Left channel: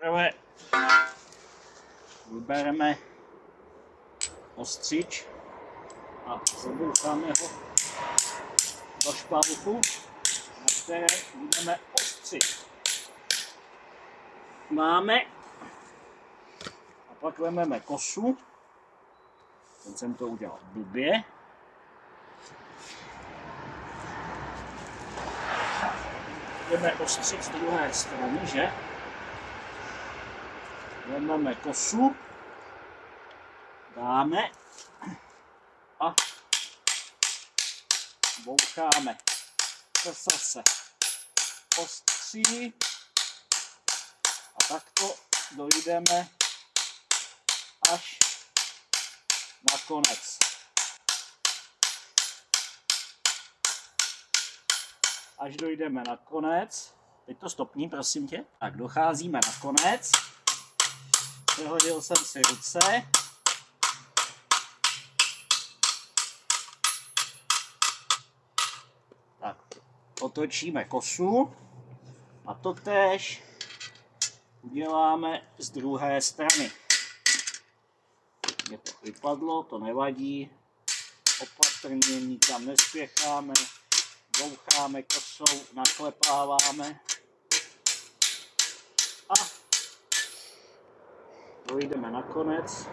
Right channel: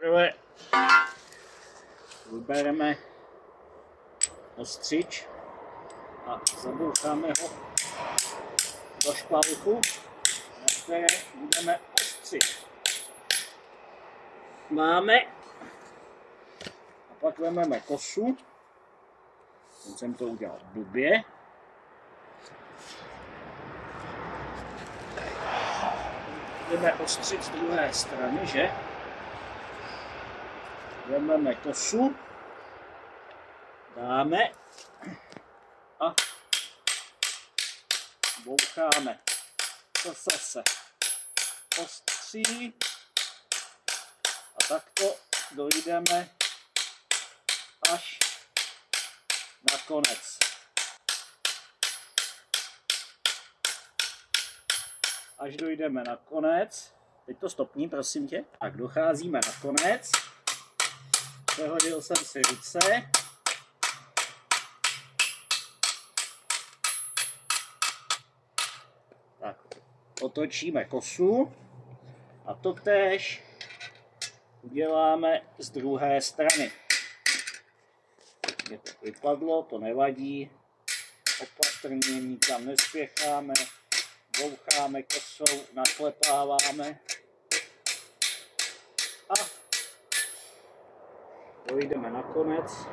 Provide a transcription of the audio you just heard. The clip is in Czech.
Prvé vybereme ostřič a zaboucháme ho do špalku, na které budeme ostřit. Máme a pak vezmeme kosu, teď jsem to udělal blbě. Budeme ostřit z druhé strany, že? Vezmeme kosu, dáme a boucháme. Kosa se ostří a takto dojdeme až na konec. Až dojdeme na konec, teď to stopni, prosím tě. Tak docházíme na konec. Přehodil jsem si ruce. Tak, otočíme kosu a totéž uděláme z druhé strany. Mě to vypadlo, to nevadí. Opatrně, nikam nespěcháme. Boucháme kosou, naklepáváme a dojdeme na konec.